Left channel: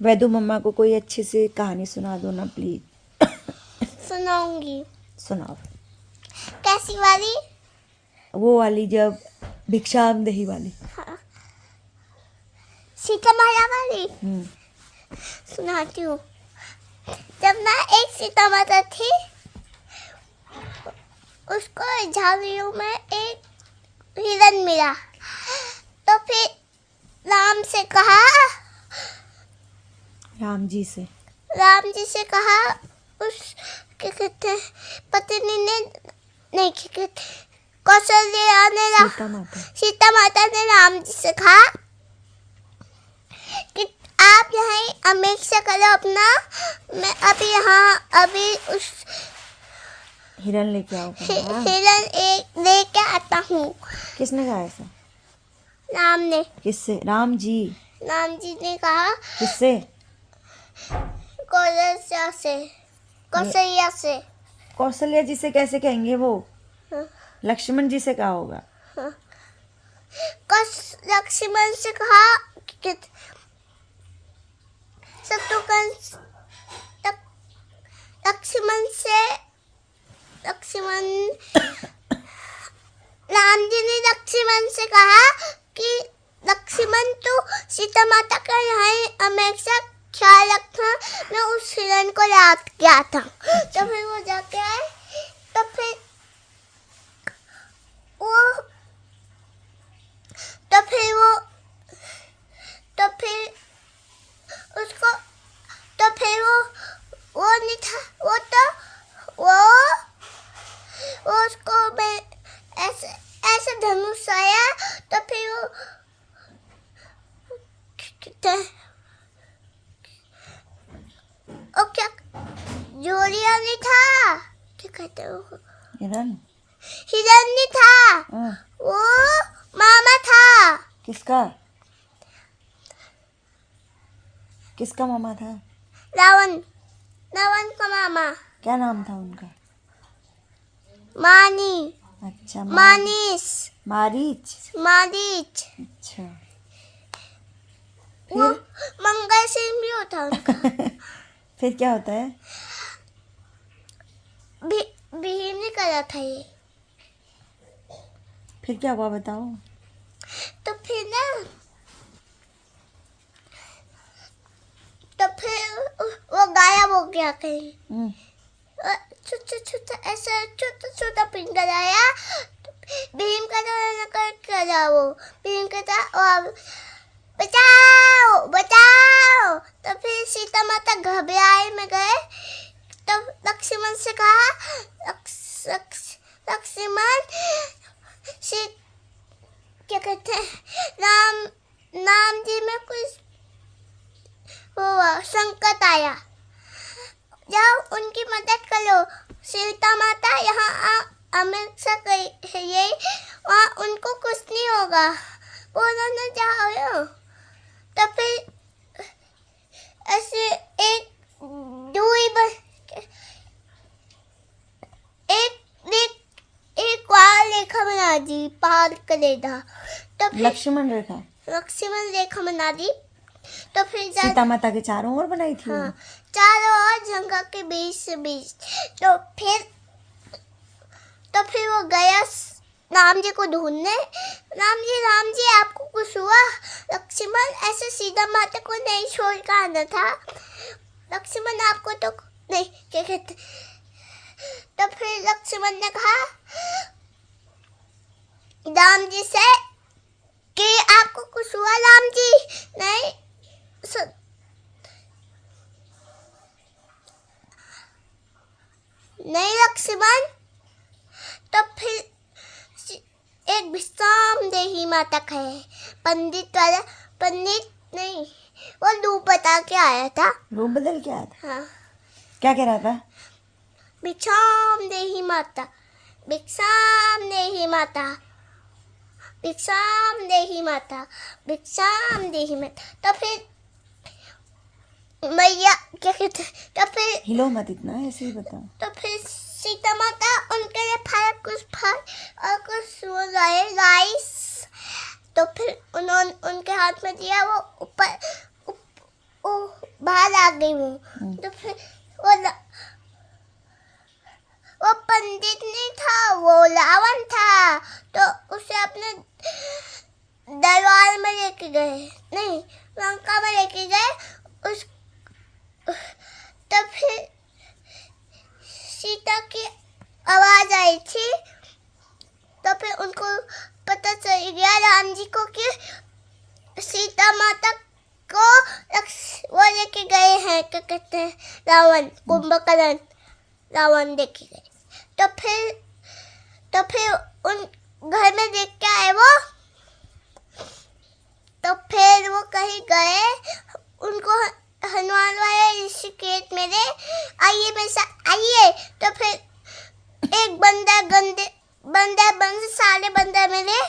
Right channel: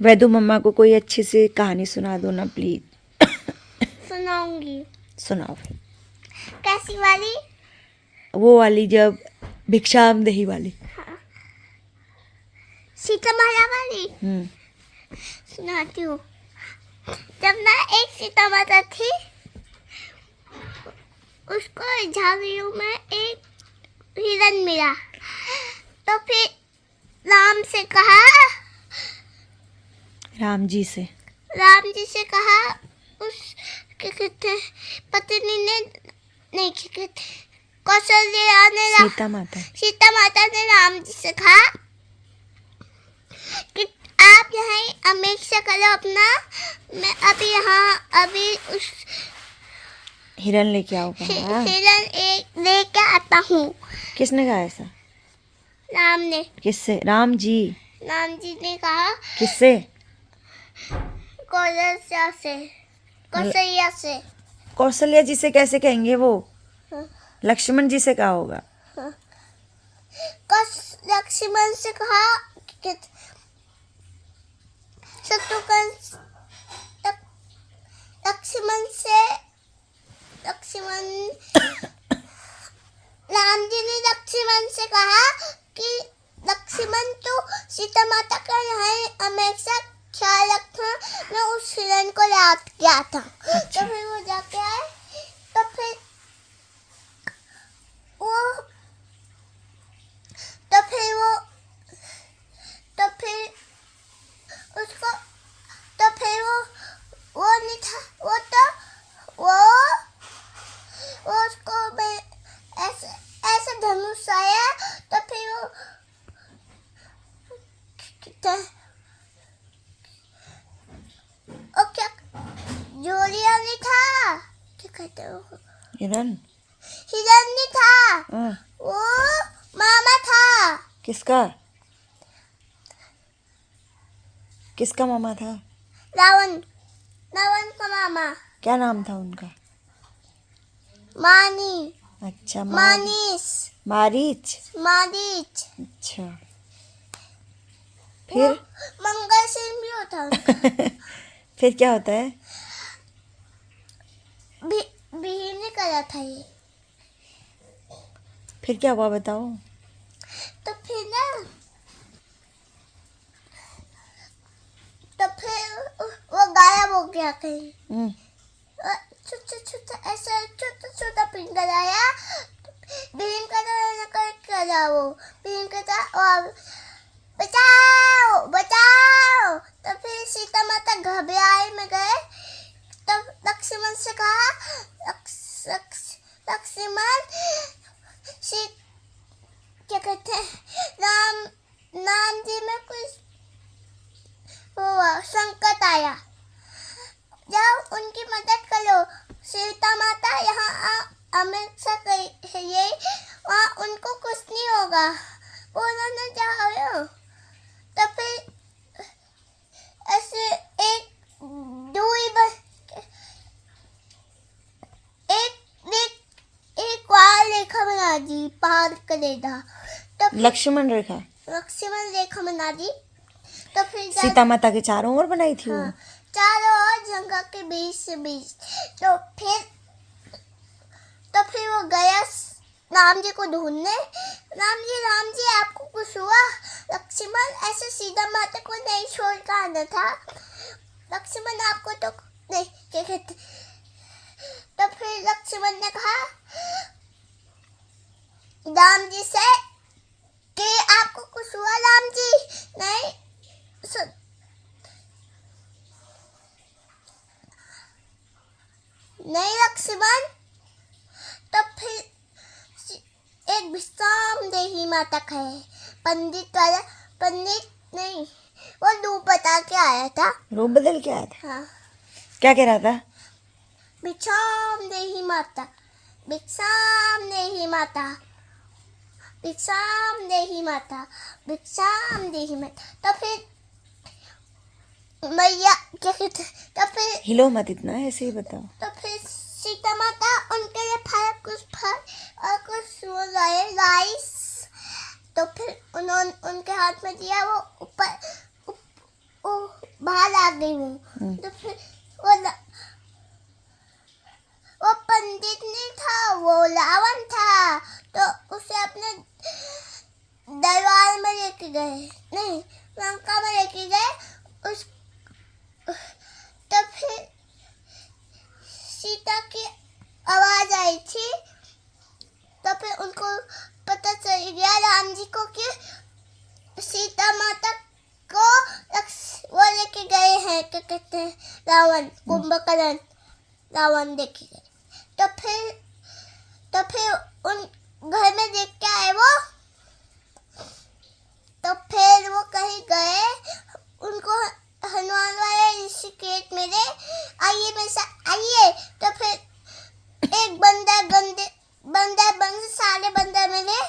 वैदू मम्मा को कोई अच्छी सी कहानी सुना दो ना प्लीज। सुनाऊंगी। सुनाओ। कैसी वाली? वो वाली जब भिक्षाम देही वाली। सीता माता वाली सुनाती हूँ। जब ना एक सीता माता थी, उसको झाड़ियों में एक हिरन मिला। तो फिर राम से कहा, राम जी से कहा उस क्या कहते हैं पत्नी ने, नहीं क्या कहते, कौशल्या ने, सीता माता ने राम जी से कहा कि आप यहाँ हमेशा करो अपना, मैं अभी यहाँ अभी उस हिरन लेके आओगे। हिरन एक लेके आता हूँ। किसने कहा ऐसा? राम ने। किससे? राम जी ने कहा। किससे? कौशल्या से। कौशल्या जी से कैसे कहेंगे वो? हाँ। लक्ष्मण जी से कहा होगा। हाँ। लक्ष्मण से कहा कि राम जी ने लक्ष्मण से कहा कि लक्ष्मण तो सीता माता का यहाँ हमेशा ख्याल रखना, मैं उस हिरन को याद किया था। तो फिर वो जाके आए। तो फिर उसको, तो फिर वो नहीं था, वो उसको मैं ऐसे धनुष आया। तो फिर वो क्या जोड़िया नहीं था, क्या कहते हो, हिरन नहीं था। वो मामा था। किसका मामा था? रावण का मामा। क्या नाम था उनका? मानी। अच्छा, मारीच। अच्छा, फिर मंगल सिंह भी होता उनका। फिर क्या होता है? भीम ने करा था ये। फिर क्या हुआ बताओ। तो फिर वो गायब हो गया कहीं। छोटा पिंजरा आया। भीम का वो भीम कहता और बचाओ। तो फिर सीता माता घबराए में गए। तब लक्ष्मण से कहा, लक्ष्मण क्या कहते हैं, राम जी में कुछ संकट आया, जाओ उनकी मदद करो। सीता माता यहाँ हमेशा ये वहाँ उनको कुछ नहीं होगा, बोलो न जाओ। तो फिर ऐसे एक रेखा बना दी, पार करेगा। तो लक्ष्मण रेखा बना दी। तो फिर सीता माता के चारों ओर बनाई थी। हाँ, चारों ओर जंगल के बीच से बीच। तो फिर वो गया राम जी को ढूंढने। राम जी आपको कुछ हुआ? लक्ष्मण ऐसे सीता माता को नहीं छोड़ कर आना था, लक्ष्मण आपको तो नहीं क्या कहते। तो फिर लक्ष्मण ने कहा राम जी से कि आपको कुछ हुआ? राम जी नहीं लक्ष्मण। तो फिर एक विश्राम देही माता कहे, पंडित नहीं, वो रूप बता के आया था। रूप बदल के आया था? हाँ। क्या कह रहा था? भिक्षाम देही माता, भिक्षाम देही माता, भिक्षाम देही माता, भिक्षाम देही माता। तो फिर मैया क्या कहते, तो फिर हिलो मत इतना, ऐसे ही बताओ। तो फिर सीता माता उनके लिए फल और कुछ राइस। तो फिर उन्होंने उनके हाथ में दिया, वो ऊपर बाहर आ गई हूँ। तो फिर वो पंडित नहीं था, वो रावण था। तो उसे अपने दरबार में लेके गए, नहीं लंका में लेके गए। उस तो फिर सीता की आवाज आई थी। तो फिर उनको पता चल गया राम जी को कि सीता माता को वो लेके गए हैं, क्या कहते हैं, रावण, कुंभकर्ण रावण लेके गए। तो फिर उन घर में देख के आए वो। तो फिर वो कहीं गए, उनको हनुमान वाले ऋषिकेश में ले आइए, मेरे साथ आइए। तो फिर एक बंदर सारे बंदर मिले।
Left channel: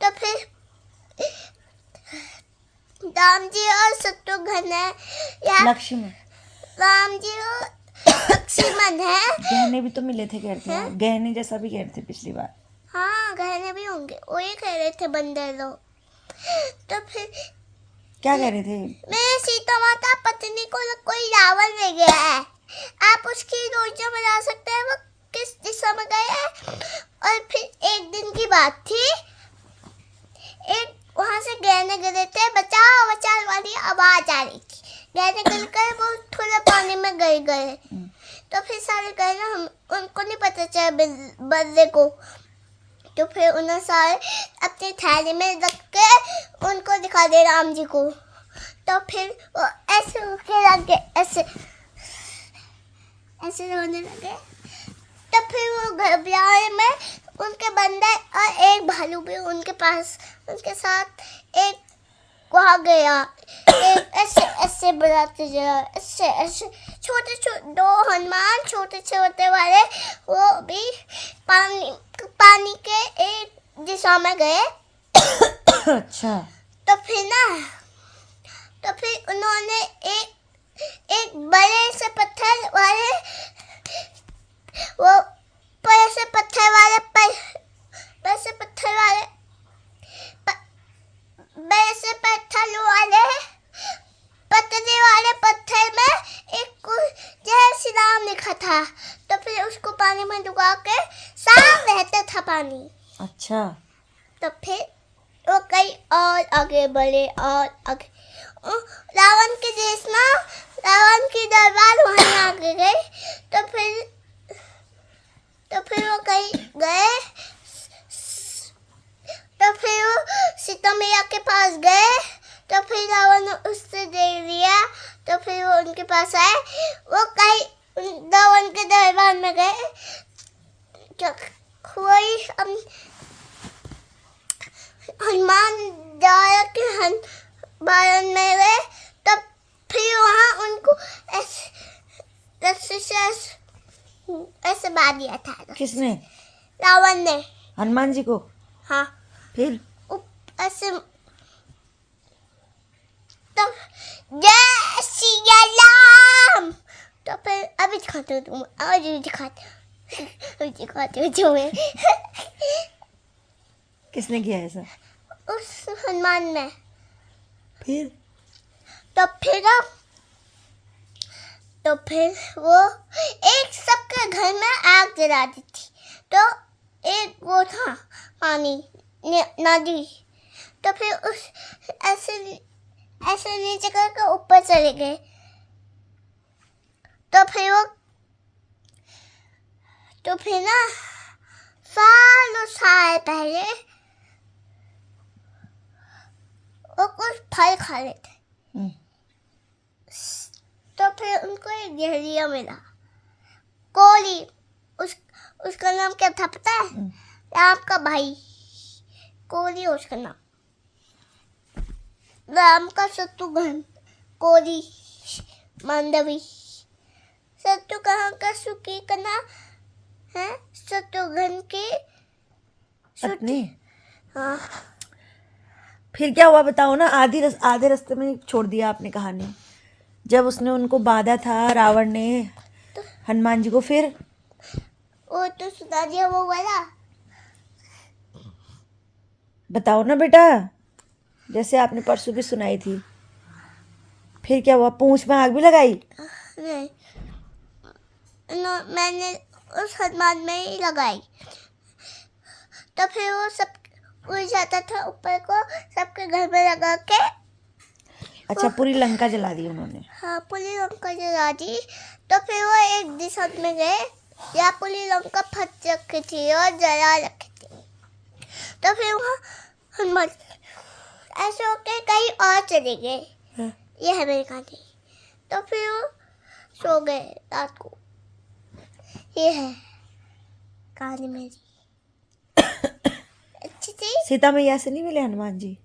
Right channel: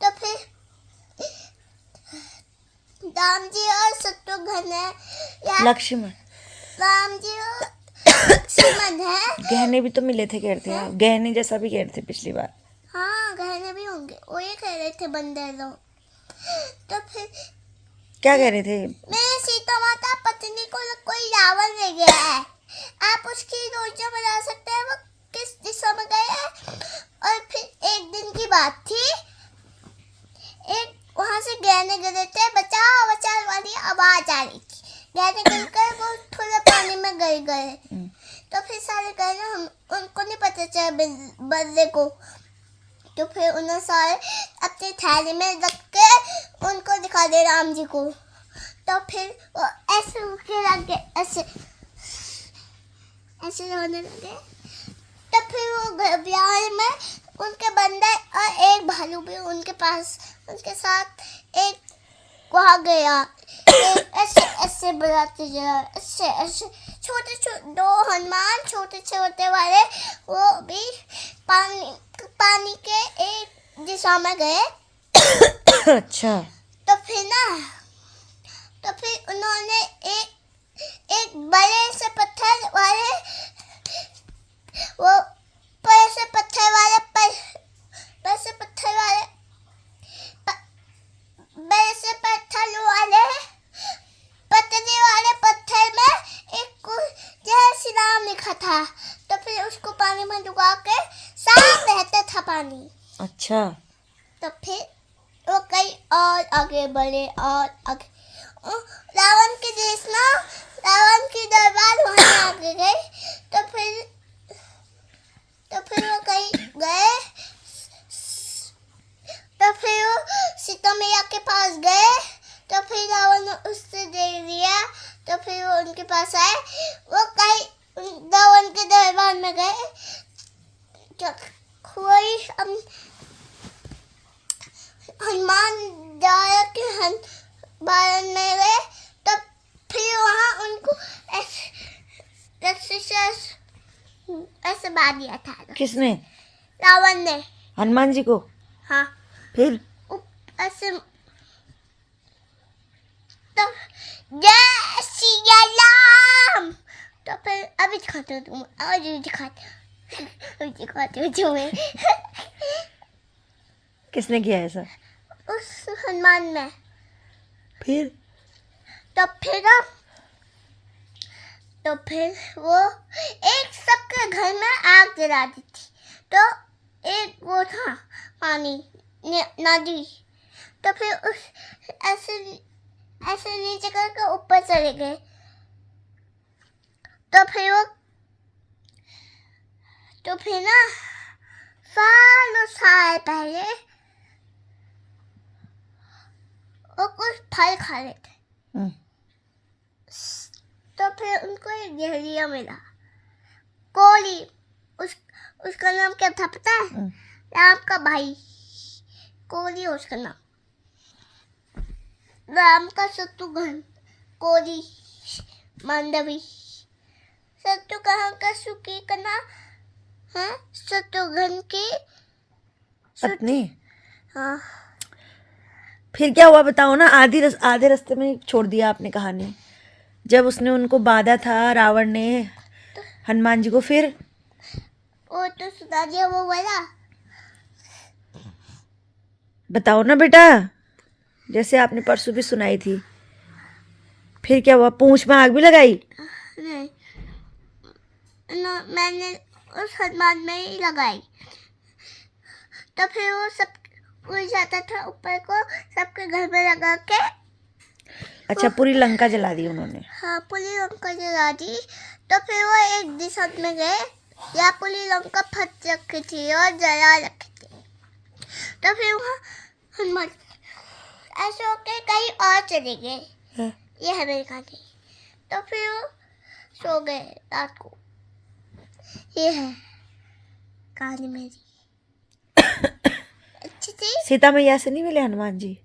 तो फिर राम जी और शत्रुघ्न है, लक्ष्मण, राम जी और लक्ष्मण है। गहने भी तो मिले थे, कहते हैं गहने जैसा भी कहते थे पिछली बार। हाँ गहने भी होंगे, वो ये कह रहे थे बंदर लोग। तो फिर क्या कह रहे थे? मेरे सीता माता पत्नी को कोई रावण ले गया है, आप उसकी योजना बना सकते हैं वो किस दिशा में गए हैं। और फिर एक दिन की बात थी, एक वहां से गहने गिरे थे, बचाओ बचाओ वाली आवाज आ रही थी। गहने गिर कर वो थोड़ा पानी में गिर गए। तो फिर सारे गहने उनको नहीं पता चला बल्ले को। तो फिर उन्होंने सारे अपने थैले में रख के उनको दिखा दे राम जी को। तो फिर वो ऐसे होने लगे, ऐसे रोने लगे। तो फिर वो घबराए में उनके बंदर और एक भालू भी उनके पास, उनके साथ एक वहाँ गया। एक ऐसे बुलाते जा, ऐसे छोटे दो हनुमान छोटे छोटे वाले, वो भी पानी के एक दिशा में गए। अच्छा। तो फिर उन्होंने एक बड़े से पत्थर वाले, वो बड़े से पत्थर वाले पतले वाले पत्थर में एक जय श्री राम लिखा था। तो फिर उसको पानी में डुबा के साफ रहता था पानी। अच्छा। तो फिर वो कई और आगे बढ़े और आगे, रावण के देश ना, रावण की दरबार वहीं आगे गए। तो फिर वो कहीं गए। तो फिर वो सीता मैया के पास गए। तो फिर रावण ने उससे दे लिया। तो फिर वो उनके पास आए, वो कहीं रावण के दरबार में गए। कोई हनुमान जाया के बारन में गए। तब फिर वहाँ उनको रस्सी से ऐसे बांध दिया था। किसने? रावण ने। हनुमान जी को? हाँ। फिर ऐसे तो जय श्री राम। तो फिर अभी दिखाते हो तुम, अभी दिखाते हो तुम्हें। किसने किया ऐसा? उस हनुमान में। फिर तो फिर वो एक सबके घर में आग गिरा दी थी। तो एक वो था पानी नदी। तो फिर उस ऐसे नीचे करके ऊपर चले गए। तो फिर ना सालों साल पहले वो कुछ फल खा रहे थे। तो फिर उनको एक जहरीला मिला, कोली। उसका नाम क्या था पता है? राम का भाई कोली, उसका नाम। राम का शत्रुघ्न, कोली, मांडवी। शत्रुघ्न का सुकी का नाम है शत्रुघ्न की पत्नी। हाँ। फिर क्या हुआ बताओ ना। आधे रास्ते में छोड़ दिया आपने कहानी। जब उसने उनको बांधा था रावण ने हनुमान जी को, फिर वो तो सुना दिया वो वाला। बताओ ना बेटा, जैसे आपने परसों भी सुनाई थी। फिर क्या हुआ, पूंछ में आग भी लगाई? नहीं, मैंने उस हनुमान में ही लगाई। तो फिर वो सब उड़ जाता था ऊपर को, सबके घर में लगा के। अच्छा, पूरी लंका जला दी उन्होंने। हाँ, पूरी लंका जला दी। तो फिर वो एक दिशा में गए या पूरी लंका फट रखी थी और जला रखी थी। तो फिर वहाँ हनुमान ऐसे होके कहीं और चले गए। हाँ। ये है मेरी कहानी। तो फिर वो सो गए रात को। ये है कहानी मेरी। अच्छी थी। सीता मैया से नहीं मिले हनुमान जी?